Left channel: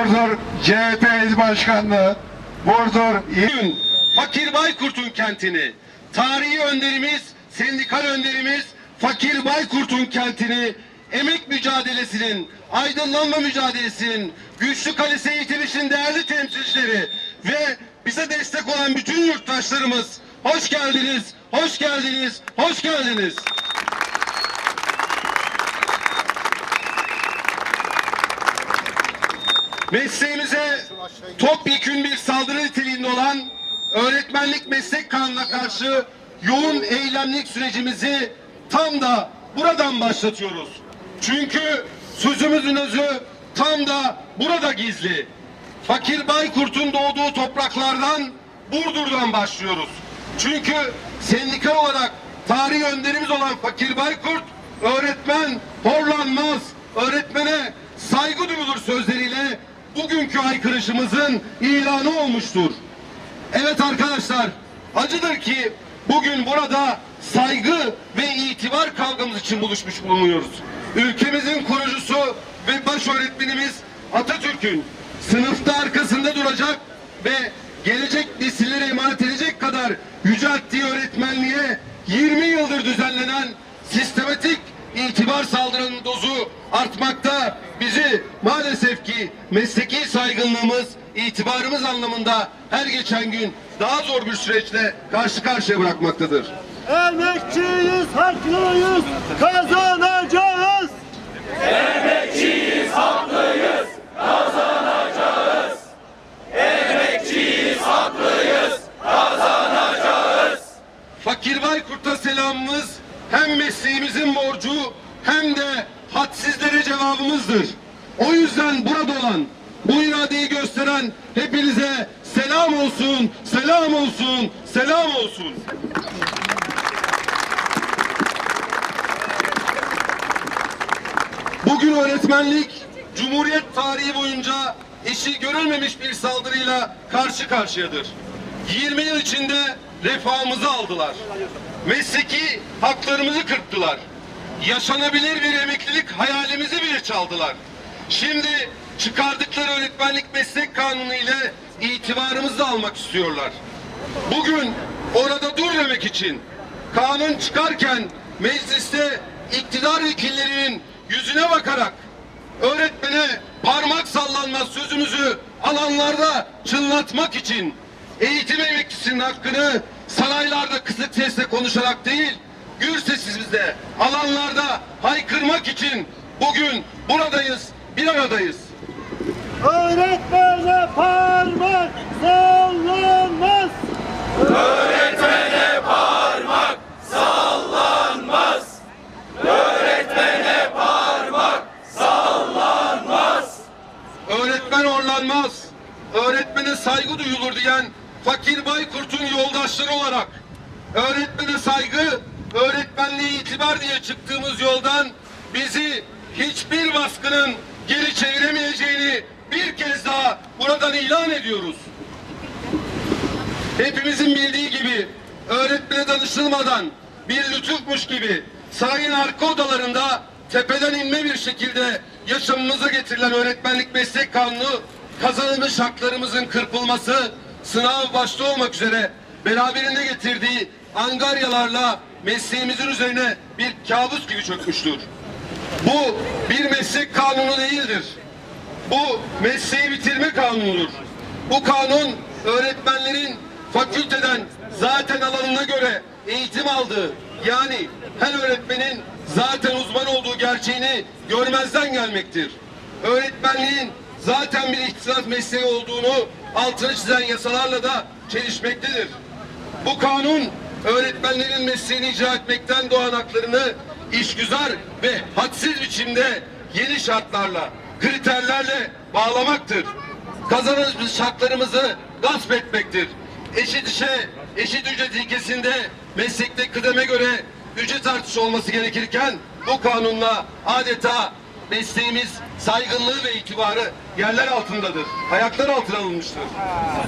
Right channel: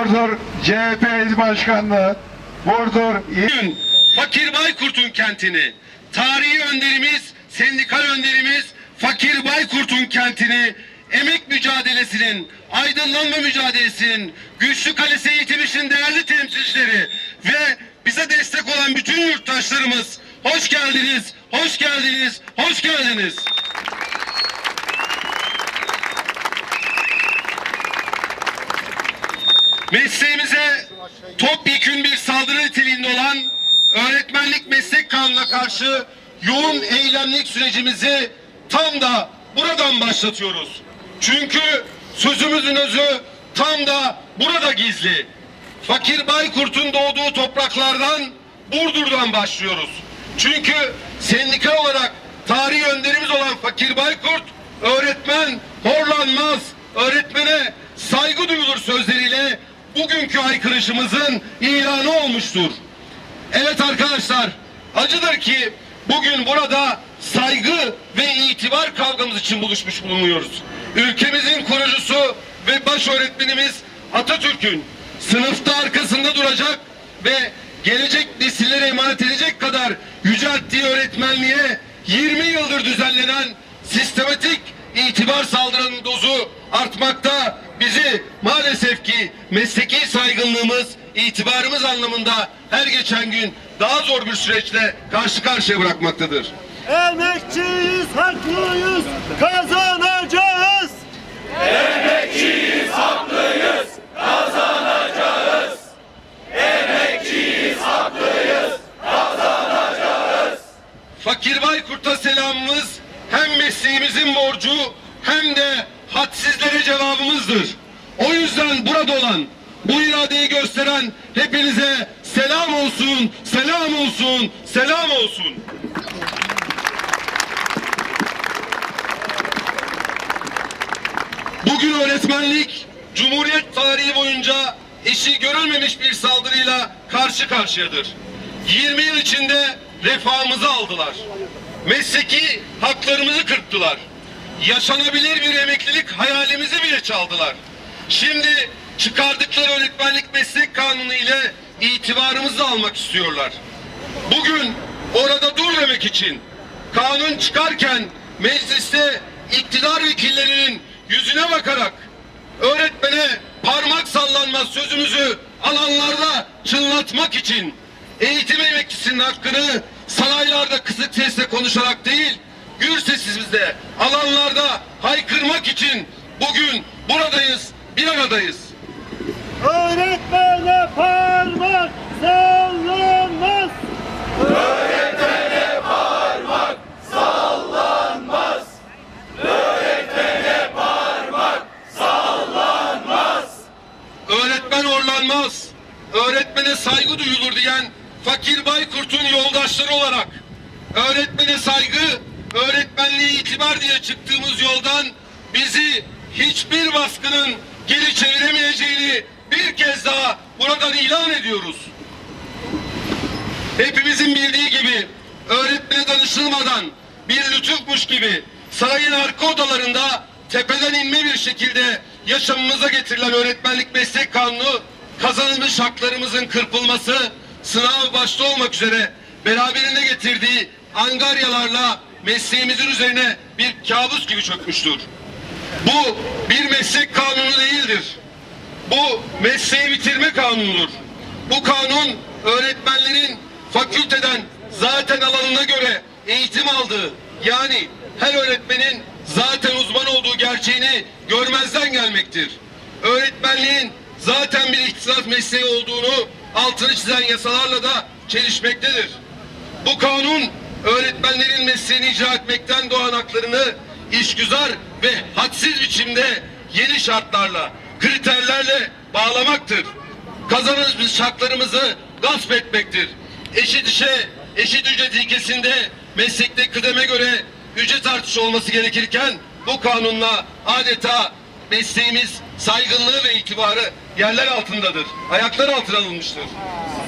Burdur CHP İl Başkanlığı, Burdur İl... Fakir Baykurt'un kentini, tarihi önderimiz, sendikal önderimiz Fakir Baykurt'un kentini, emek mücadelesinin, aydınlanma mücadelesinin, güçlü kalesi eğitim için değerli temsilcileri ve bize destek olan bütün yurttaşlarımız hoş geldiniz, hoş geldiniz, hoş geldiniz. Mesleğimize topyekün bir saldırı niteliğinde olan öğretmenlik meslek kanununa karşı yoğun eylemlik sürecimizi tam da buradan başlatıyoruz. Çünkü sözümüzün özü tam da burada gizli. Fakir Baykurt'un doğduğu topraklardan Burdur'dan başlıyoruz. Çünkü sendika olarak tarihi önderimiz olan Fakir Baykurt öğretmen horlanmaz, öğretmene saygı duyulur sözleriyle bugünkü aykırışımızın ilanı olmuştur. Evet arkadaşlar, acıdır ki bugün burada saygı ve itibar kavgamız için buluşmuş bulunuyoruz. Ülkemizin kurucusu ve baş öğretmenimiz Atatürk'ün sınıfta arkasında duracak ve gelecek nesillere emanet edecek kadar yücelttiği öğretmenliğe 20 yıldır düzenlenen sistematik itibar saldırının dozu artmakta bizi maalesef ki mesleki saygınlığımız, itibarımız anlamında her geçen gün daha zor bir süreçle karşı karşıya bırakmaktadır. Emekçiyiz, haklıyız, kazanacağız. Emekçiyiz, haklıyız, kazanacağız. Emekçiyiz, haklıyız, kazanacağız. Fakir Baykurt'a selamımız hem mesleğimizin borcu hem de hadsizlere cevabımızdır. O yüzden burada olan, bu iradeyi gösteren hepinize selam olsun, selam olsun, selam olsun. Bugün öğretmenlik, Cumhuriyet tarihi boyunca eşi görülmemiş bir saldırıyla karşı karşıyadır. 20 yıl içinde refahımızı aldılar. Mesleki haklarımızı kırptılar yaşanabilir bir emeklilik hayalimizi bile çaldılar. Şimdi çıkardıkları öğretmenlik meslek kanunu ile itibarımızı almak istiyorlar. Bugün orada dur demek için kanun çıkarken mecliste iktidar vekillerinin yüzüne bakarak öğretmene parmak sallanma sözümüzü alanlarda çınlatmak için eğitim emeklisinin hakkını saraylarda kısık sesle konuşarak değil gür alanlarda haykırmak için bugün buradayız, bir aradayız. Öğretmene parmak sallanmaz. Öğretmene parmak sallanmaz. Öğretmene parmak sallanmaz. Öğretmen orlanmaz. Öğretmene saygı duyulur diyen Fakir Baykurt'un yoldaşları olarak öğretmene saygı öğretmenliği itibar diye çıktığımız yoldan bizi hiçbir baskının geri çeviremeyeceğini bir kez daha buradan ilan ediyoruz. Hepimizin bildiği gibi öğretmene danışılmadan bir lütufmuş gibi sarayın arka odalarında tepeden inme bir şekilde yaşamımıza getirilen öğretmenlik meslek kanunu kazanılmış haklarımızın kırpılması, sınav başta olmak üzere beraberinde getirdiği angaryalarla mesleğimizin üzerine bir kabus gibi çökmüştür. Bu bir meslek kanunu değildir. Bu mesleği bitirme kanunudur. Bu kanun öğretmenlerin fakülteden zaten alanına göre eğitim aldığı yani her öğretmenin zaten uzman olduğu gerçeğini görmezden gelmektir. Öğretmenliğin zaten bir iktisat mesleği olduğunu altını çizen yasalarla da çelişmektedir. Bu kanun öğretmenlerin mesleğini icra etmekten doğan haklarını işgüzar ve hadsiz biçimde yeni şartlarla, kriterlerle bağlamaktır. Kazanımız haklarımızı gasp etmektir. Eşit işe, eşit ücret ilkesinde meslekte kıdeme göre ücret artışı olması gerekirken bu kanunla adeta mesleğimiz saygınlığı ve itibarı yerler altındadır. Ayaklar altına alınmıştır.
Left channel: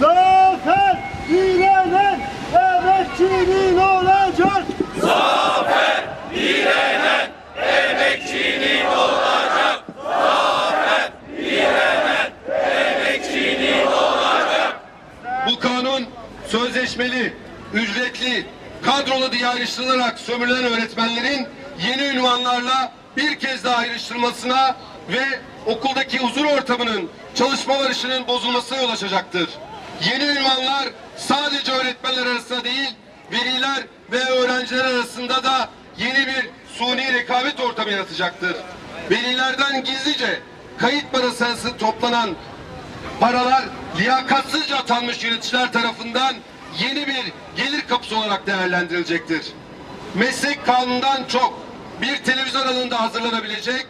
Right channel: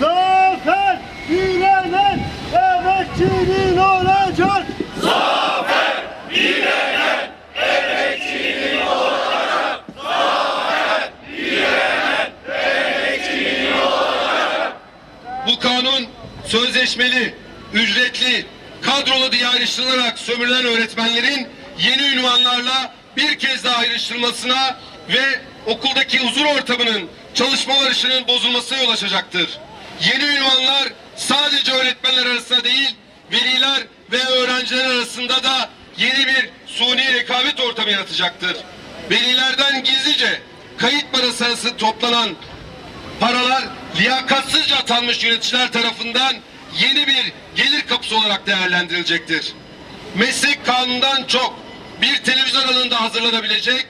Zafer! direnen emekçinin olacak. Zafer direnen emekçinin olacak. Zafer direnen emekçinin olacak. Bu kanun sözleşmeli, ücretli, kadrolu diye ayrıştırılarak sömürülen öğretmenlerin yeni ünvanlarla bir kez daha ayrıştırılmasına ve okuldaki huzur ortamının, çalışma barışının bozulmasına yol açacaktır. Yeni ünvanlar sadece öğretmenler arasında değil, veliler ve öğrenciler arasında da yeni bir suni rekabet ortamı yaratacaktır. Velilerden gizlice kayıt parası arası toplanan paralar liyakatsızca atanmış yöneticiler tarafından yeni bir gelir kapısı olarak değerlendirilecektir. Meslek kanundan çok bir televizyon alanında hazırlanabilecek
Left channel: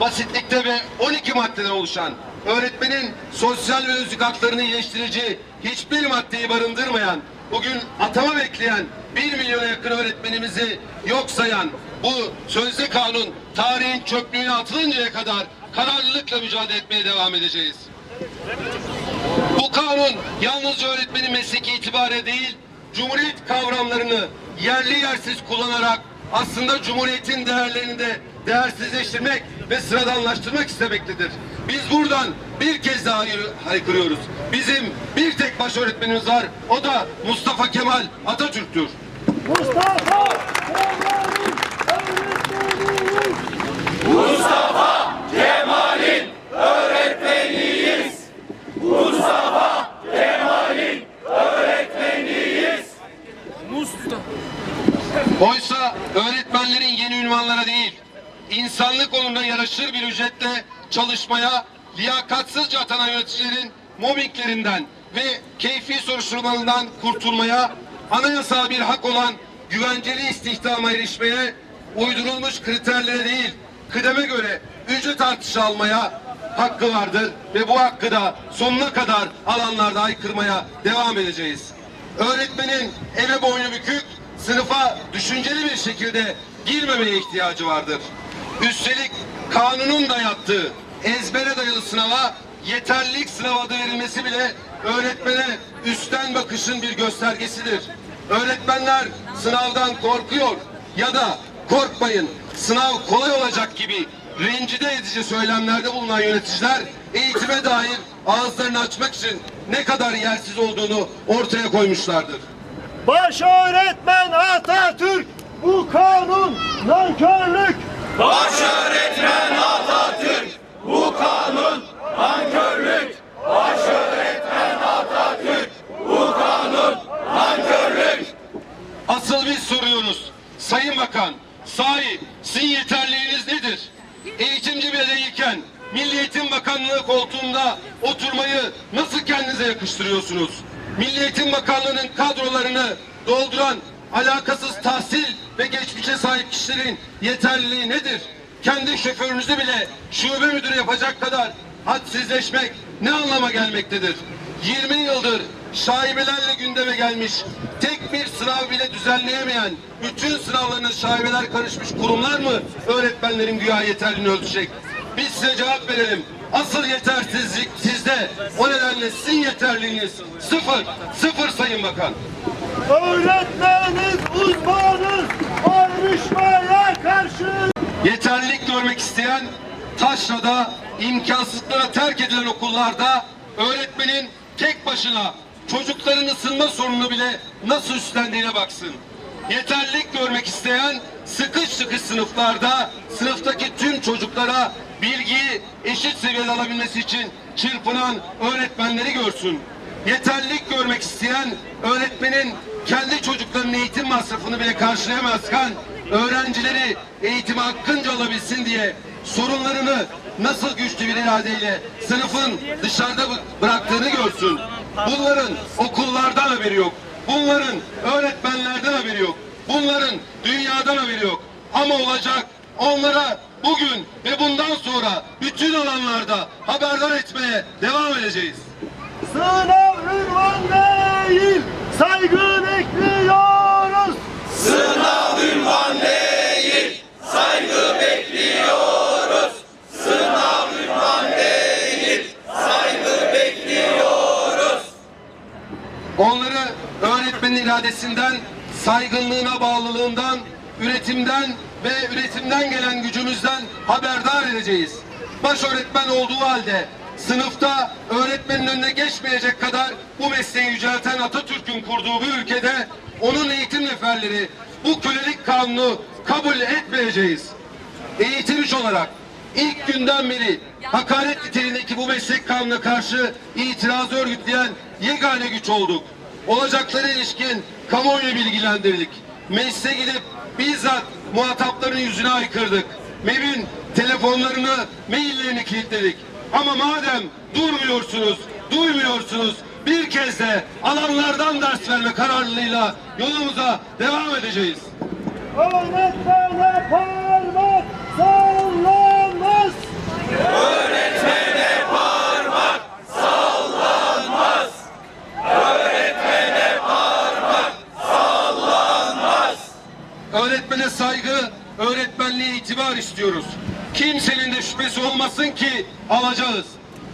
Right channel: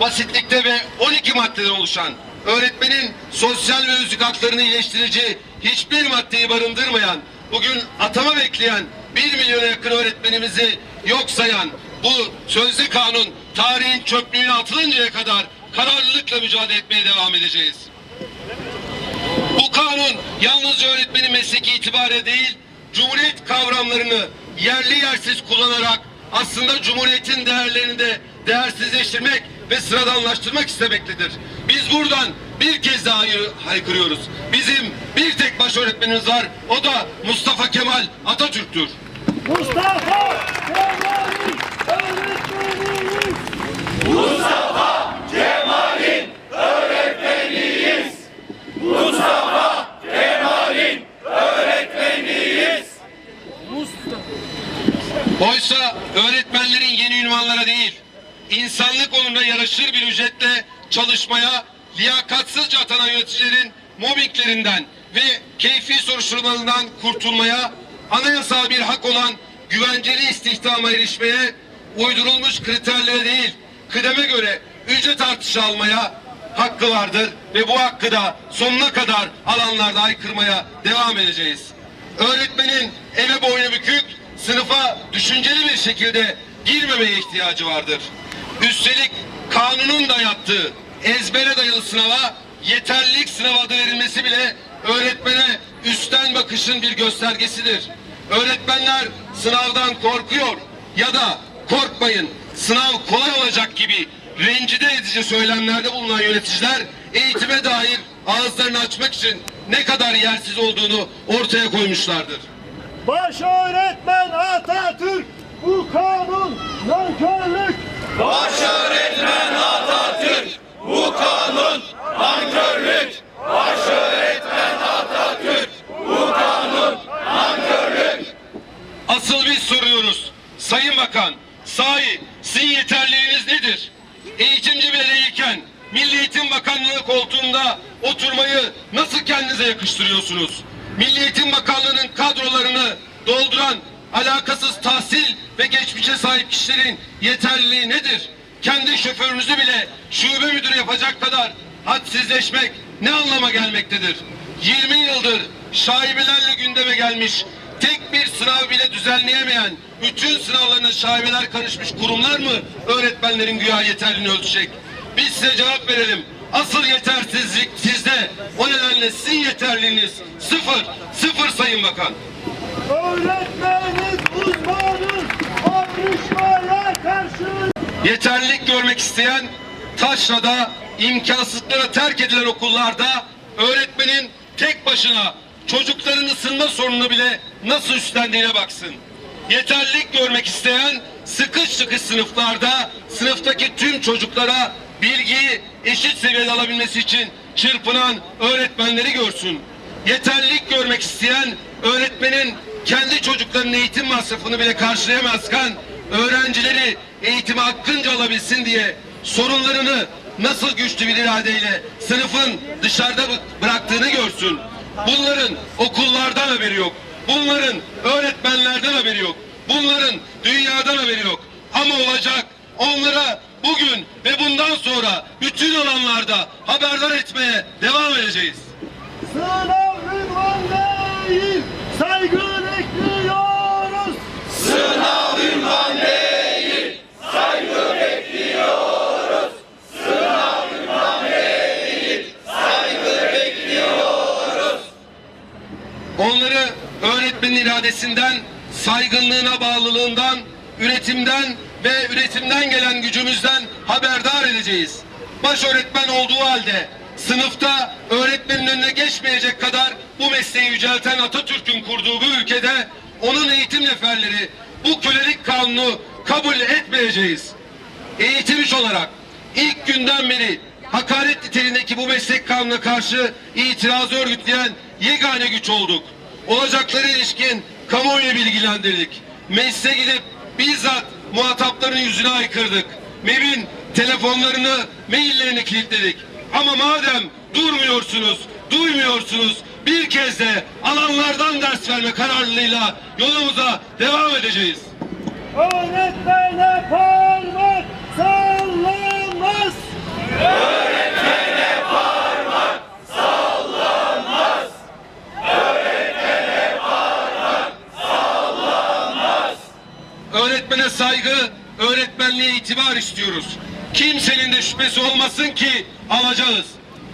basitlikte ve 12 maddeden oluşan öğretmenin sosyal ve özlük haklarını iyileştirici hiçbir maddeyi barındırmayan, bugün atama bekleyen bir milyona yakın öğretmenimizi yok sayan bu sözlü kanun tarihin çöplüğüne atılıncaya kadar kararlılıkla mücadele etmeye devam edeceğiz. Bu kanun yalnız öğretmenin mesleki itibariyle değil, Cumhuriyet kavramlarını yerli yersiz kullanarak aslında Cumhuriyet'in değerlerini de değersizleştirmek ve sıradanlaştırmak istemektedir. Biz buradan bir kez daha haykırıyoruz. Bizim bir tek baş öğretmenimiz var. O da Mustafa Kemal Atatürk'tür. Mustafa Kemal'in öğretmeniyiz. Mustafa Kemal'in öğretmeniyiz. Mustafa Kemal'in öğretmeniyiz. Mustafa. Oysa öğretmenlerin yeni ünvanlara değil, insanlık onuruna yaraşır bir ücretle çalışmaya liyakatsızca atanan yöneticilerin mobbinglerinden ve keyfi soruşturmalarından kurtulmaya, anayasal bir hak olan güvenceli istihdama erişmeye uydurulmuş kriterlere değil, kıdeme göre ücret artışı almaya hakkı vardır ve bu hakkı da sonuna kadar alanlarda aykırmaya devam edeceğiz. Öğretmenin eve boynu bükük, sınıfa düşünceli bir şekilde girmemeye ihtiyacı vardır. Üstelik kanunun da yaptığı ezbere dayalı sınava yeterlilik sınavı adı verilmesi bile öğretmene üstten bakışın bir göstergesidir. Öğretmenler sınavdan korkuyor ya da korkmayın sınav kolay olacak gibi rencide edici söylemlerde bulunan yöneticiler eğitime dair ağızlarını açmak için ne kadar yersiz olduğunu ortaya koymuşlardır. Baş öğretmen Atatürk bu kanun nankörlük Baş öğretmen Atatürk. Bu kanun ankörlük. Baş öğretmen Atatürk. Bu kanun ankörlük. Asıl biz soruyoruz. Sayın Bakan, sahi sizin yeterliğiniz nedir? Eğitimci bireyken Milli Eğitim Bakanlığı koltuğunda oturmayı nasıl kendinize yakıştırıyorsunuz? Milli Eğitim Bakanlığı'nın kadrolarını dolduran alakasız tahsil ve geçmişe sahip kişilerin yeterliliği nedir? Kendi şoförünüzü bile şube müdürü yapacak kadar hadsizleşmek ne anlama gelmektedir? 20 yıldır şaibelerle gündeme gelmiş, tek bir sınav bile düzenleyemeyen, bütün sınavlarına şaibeler karışmış kurumlar mı öğretmenlerin güya yeterliliğini ölçecek? Biz size cevap verelim. Asıl yetersizlik sizde. O nedenle sizin yeterliliğiniz sıfır. Sıfır Sayın Bakan. Öğretmeniz uzmanız ayrışmaya karşı. Yeterlilik görmek isteyen Taşra'da imkansızlara terk edilen okullarda öğretmenin tek başına çocukların ısınma sorununu bile nasıl üstlendiğine baksın. Yeterlilik görmek isteyen sıkış sıkış sınıflarda sınıftaki tüm çocuklara bilgiyi eşit seviyede alabilmesi için çırpınan öğretmenleri görsün yeterlilik görmek isteyen öğretmenin kendi çocuklarının eğitim masrafını bile karşılayamazken öğrencileri eğitimi hakkınca alabilsin diye sorunlarını nasıl güçlü bir iradeyle sınıfın dışarıda bıraktığını görsün. Bunların okullardan haberi yok. Bunların öğretmenlerden haberi yok. Bunların dünyadan haberi yok. Ama olacak onlara bugün ve bundan sonra bütün alanlarda haberdar etmeye devam edeceğiz. Sınav! Slogan değil, saygı bekliyoruz. Sınav ünvan değil, saygı bekliyoruz. Sınav ünvan değil, saygı bekliyoruz. Onları öğretmenin iradesinden, saygınlığına bağlılığından, üretimden ve üretimden gelen gücümüzden haberdar edeceğiz. Baş öğretmen olduğu halde sınıfta öğretmenin önüne geçmeyecek kadar bu mesleği yücelten Atatürk'ün kurduğu bu ülkede onun eğitim neferleri bu kölelik kanunu kabul etmeyeceğiz. Eğitimci olarak ilk günden beri hakaret niteliğindeki bu meslek kanununa karşı itiraz örgütleyen yegane güç olduk. Olacaklara ilişkin kamuoyunu bilgilendirdik. Meclise gidip bizzat muhatapların yüzüne aykırdık. MEB'in telefonlarını, maillerini kilitledik. Ama madem durmuyorsunuz, duymuyorsunuz. Bir kez de alanlardan ders verme kararlılığıyla yolumuza devam edeceğiz. Öğretmene parmak sallanmaz. Öğretmene parmak sallanmaz. Öğretmene parmak sallanmaz. Öğretmene saygı, öğretmenliğe itibar istiyoruz. Kimsenin de şüphesi olmasın ki alacağız.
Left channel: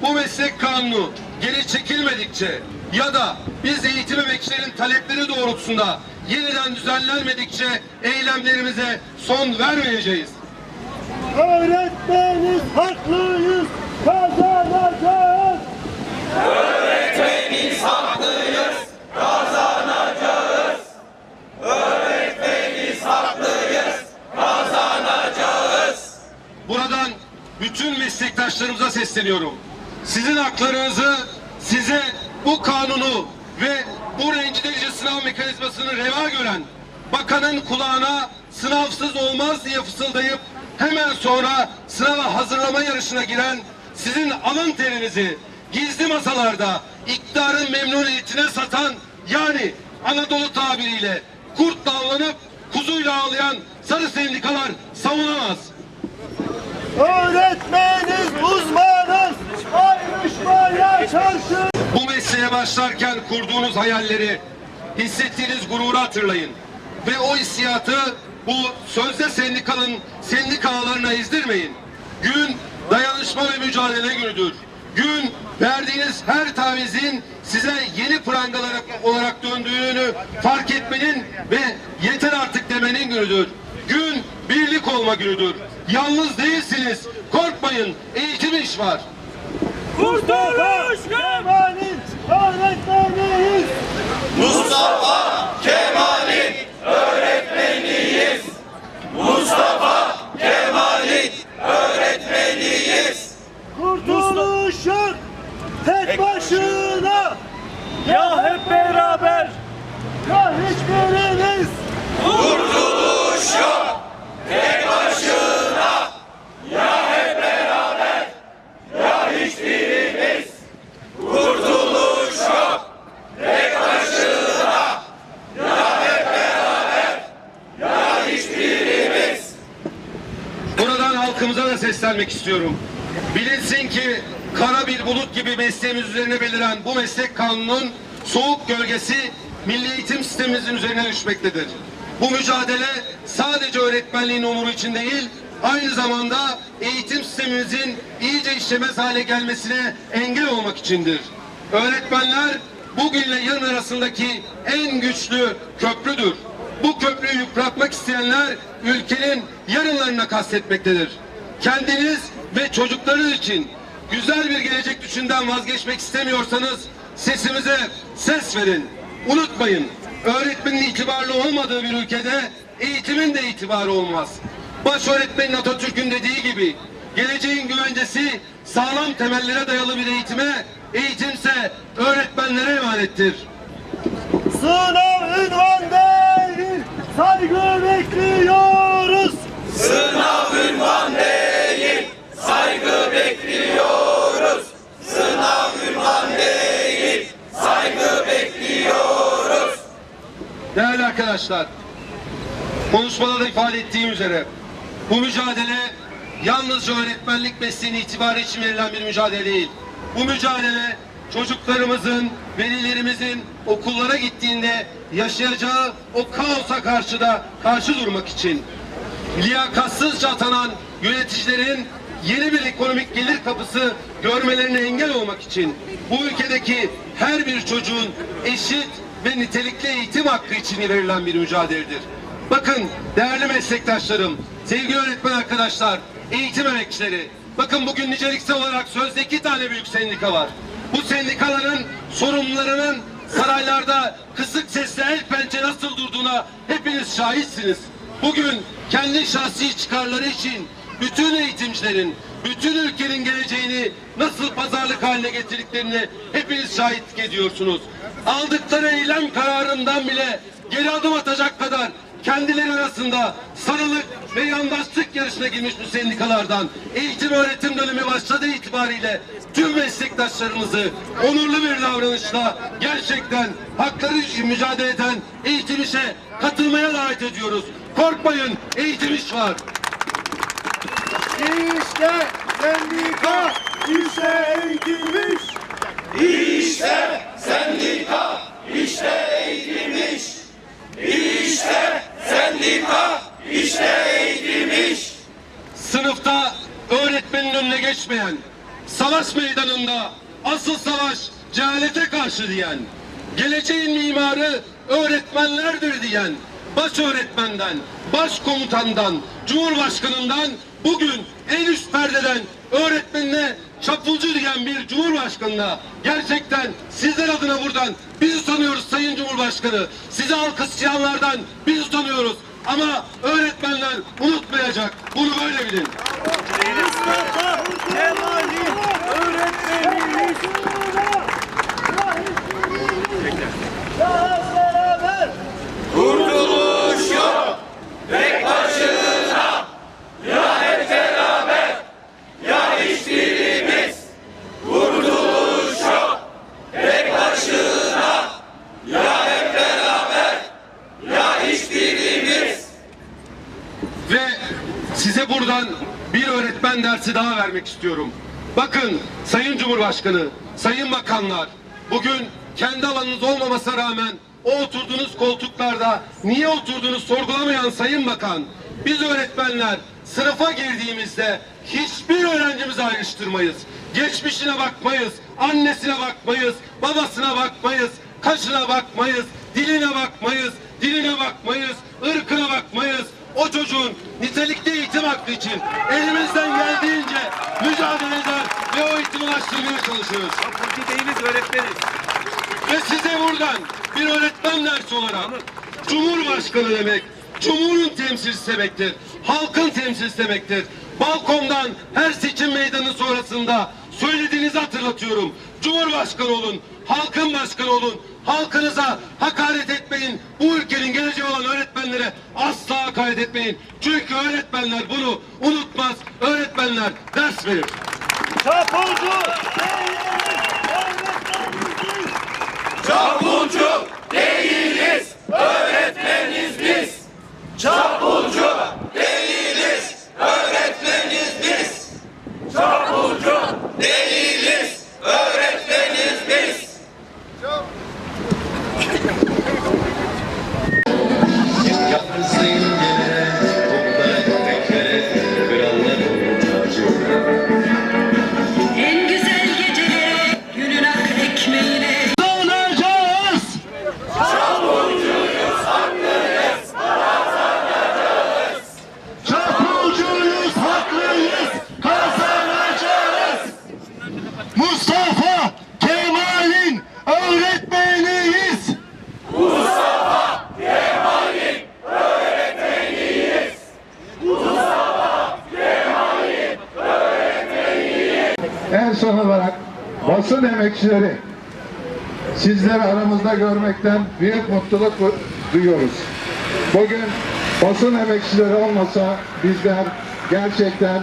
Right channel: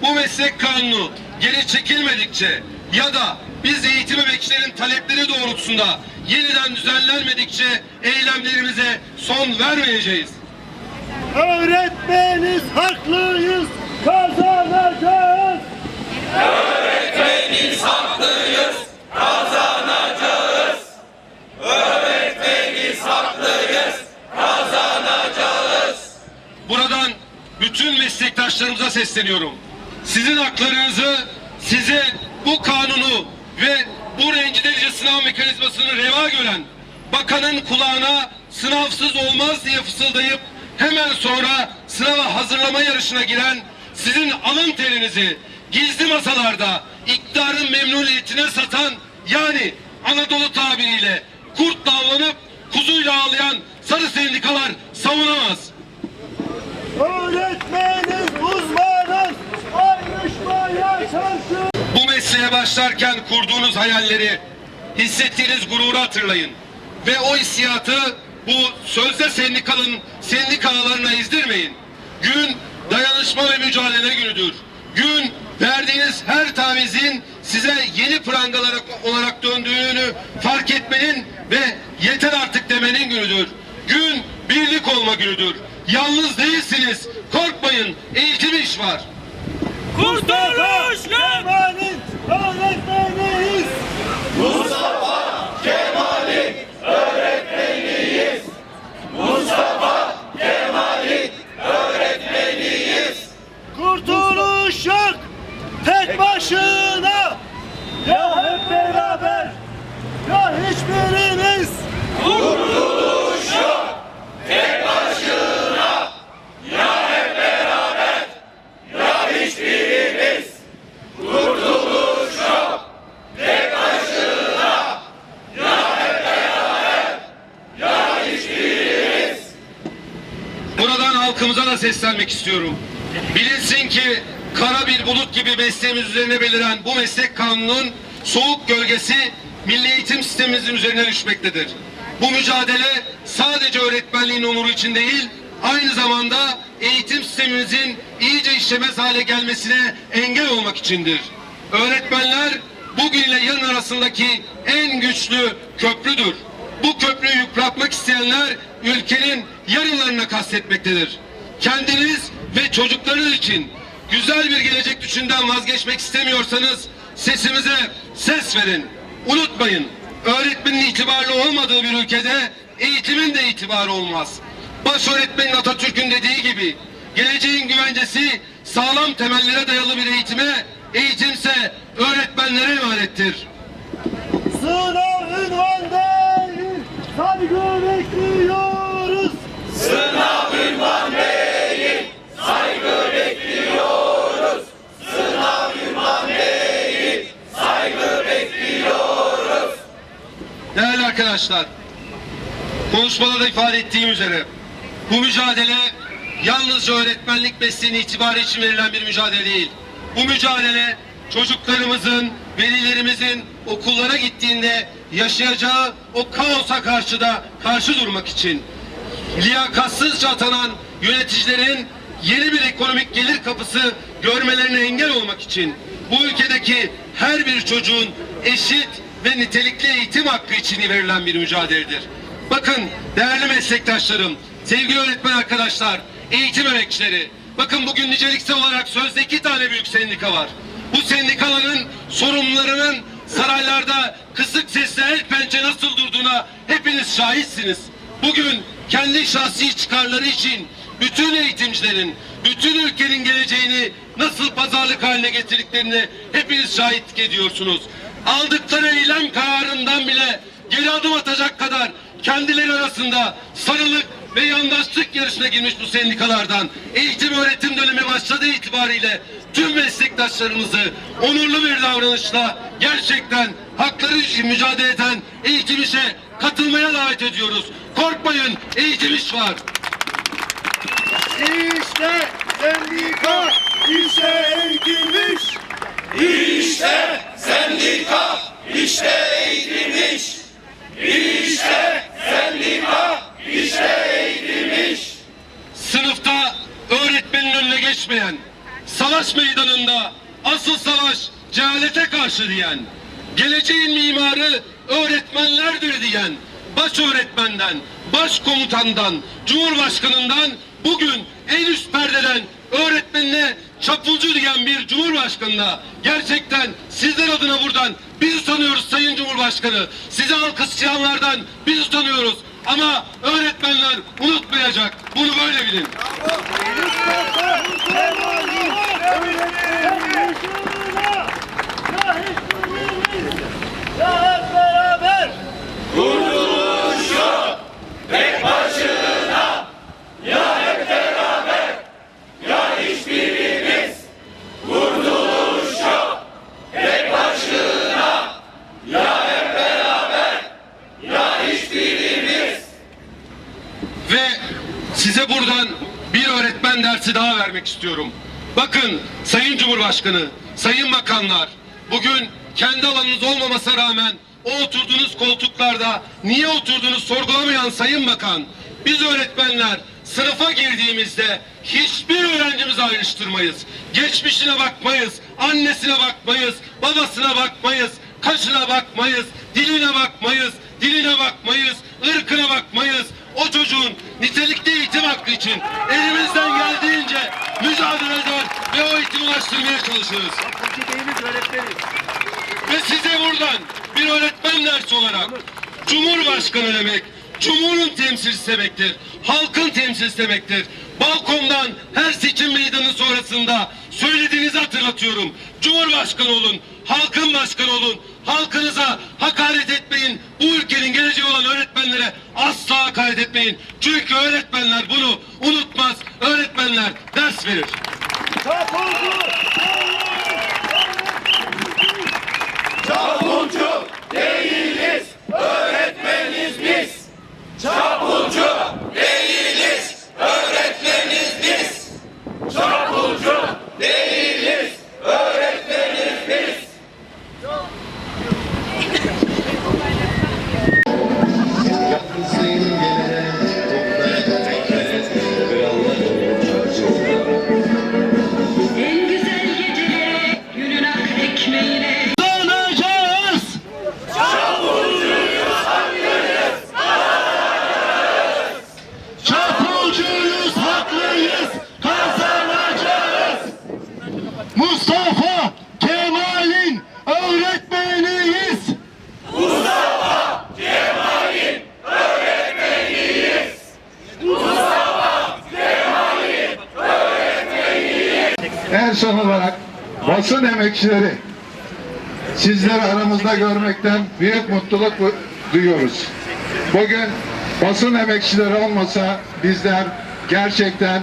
Bu meslek kanunu geri çekilmedikçe ya da biz eğitim emekçilerin talepleri doğrultusunda yeniden düzenlenmedikçe eylemlerimize son vermeyeceğiz. Öğretmeniz haklıyız, kazanacağız. Öğretmeniz haklıyız, kazanacağız. Öğretmeniz haklıyız, kazanacağız. Buradan bütün meslektaşlarımıza sesleniyorum sizin haklarınızı, size bu kanunu ve bu rencilerici sınav mekanizmasını reva gören bakanın kulağına sınavsız olmaz diye fısıldayıp hemen sonra sınava hazırlama yarışına giren sizin alın terinizi gizli masalarda iktidarın memnuniyetine satan yani Anadolu tabiriyle kurt davlanıp kuzuyla ağlayan sarı sendikalar savunamaz. Öğretmeniz uzman. Bu mesleğe başlarken kurduğunuz hayalleri, hissettiğiniz gururu hatırlayın. Ve o hissiyatı bu sözde sendikalın sendikalarına izdirmeyin. Gün dayanışma ve mücadele günüdür. Gün verdiğiniz her tavizin size yeni prangalar olarak döndüğünü fark etmenin ve yeter artık demenin günüdür. Gün birlik olma günüdür. Yalnız değilsiniz. Korkmayın. Eğitim iş var. Kurtuluş Kemal'in öğretmeniyiz. Mustafa Kemal'in öğretmeniyiz. Mustafa Kemal'in öğretmeniyiz. Kurtuluş yok tek başına. Ya seslenmek istiyorum. Bilinsin ki kara bir bulut gibi mesleğimiz üzerine beliren bu meslek kanunun soğuk gölgesi milli eğitim sistemimizin üzerine düşmektedir. Bu mücadele sadece öğretmenliğin umuru için değil, aynı zamanda eğitim sistemimizin iyice işlemez hale gelmesine engel olmak içindir. Öğretmenler bugünle yarın arasındaki en güçlü köprüdür. Bu köprüyü yıpratmak isteyenler ülkenin yarınlarına kastetmektedir kendiniz ve çocuklarınız için güzel bir gelecek düşünden vazgeçmek istemiyorsanız sesimize ses verin. Unutmayın öğretmenin itibarlı olmadığı bir ülkede eğitimin de itibarı olmaz. Baş öğretmenin Atatürk'ün dediği gibi geleceğin güvencesi sağlam temellere dayalı bir eğitime, eğitimse öğretmenlere emanettir. Sınav ünvan saygı bekliyoruz. Sınav ünvan arkadaşlar, konuşmada da ifade ettiğim üzere bu mücadele yalnızca öğretmenlik mesleğini itibariyle için verilen bir mücadele değil. Bu mücadele çocuklarımızın, velilerimizin okullara gittiğinde yaşayacağı o kaosa karşı da karşı durmak için liyakatsızca atanan yöneticilerin yeni bir ekonomik gelir kapısı görmelerine engel olmak için bu ülkedeki her bir çocuğun eşit ve nitelikli eğitim hakkı için verilen bir mücadeledir. Bakın değerli meslektaşlarım, sevgili öğretmen arkadaşlar, eğitim emekçileri, bakın bugün niceliksel olarak sözde iki tane büyük sendika var. Bu sendikaların sorumlularının saraylarda kısık sesle el pençe nasıl durduğuna hepiniz şahitsiniz. Bugün kendi şahsi çıkarları için bütün eğitimcilerin, bütün ülkenin geleceğini nasıl pazarlık haline getirdiklerini hepiniz şahit ediyorsunuz aldıkları eylem kararından bile geri adım atacak kadar kendileri arasında sarılık ve yandaşlık yarışına girmiş bu sendikalardan eğitim öğretim dönemi başladığı itibariyle tüm meslektaşlarımızı onurlu bir davranışla gerçekten hakları için mücadele eden eğitim işe katılmaya davet ediyoruz. Korkmayın eğitim iş var. İşte sendika, işte eğitim iş. işte sendika işte eğitilmiş. İşte sendika işte iş. Sınıfta öğretmenin önüne geçmeyen, savaş meydanında asıl savaş cehalete karşı diyen, geleceğin mimarı öğretmenlerdir diyen, baş öğretmenden, baş komutandan, cumhurbaşkanından bugün en üst perdeden öğretmenine çapulcu diyen bir cumhurbaşkanına gerçekten sizler adına buradan biz utanıyoruz Sayın Cumhurbaşkanı. Sizi alkışlayanlardan biz utanıyoruz. Ama öğretmenler unutmayacak. Bunu böyle bilin. Kurtuluş yok. bilgisi daha vermek istiyorum. Bakın Sayın Cumhurbaşkanı, Sayın Bakanlar bugün kendi alanınız olmamasına rağmen o oturduğunuz koltuklarda niye oturduğunu sorgulamayan Sayın Bakan, biz öğretmenler sınıfa girdiğimizde hiçbir öğrencimizi ayrıştırmayız. Geçmişine bakmayız, annesine bakmayız, babasına bakmayız, kaşına bakmayız, diline bakmayız, diline bakmayız, ırkına bakmayız, o çocuğun nitelikli eğitim hakkı için elimizden geldiğince mücadele eder ve o eğitimi ulaştırmaya çalışırız. Kapıcı değiliz Ve size buradan bir öğretmen dersi olarak Cumhurbaşkanı demek, Cumhur'un temsilcisi demektir, halkın temsilcisi demektir. Balkondan her seçim meydanı sonrasında söylediğinizi hatırlatıyorum. Cumhurbaşkanı olun, halkın başkanı olun, Halkınıza hakaret etmeyin. Bu ülkenin geleceği olan öğretmenlere asla hakaret etmeyin. Çünkü öğretmenler bunu unutmaz. Öğretmenler ders verir. Çapulcu! Çapulcu değiliz. Öğretmeniz biz. Çapulcu! basın emekçileri sizleri aramızda görmekten büyük mutluluk duyuyoruz. Bugün basın emekçileri olmasa bizler gerçekten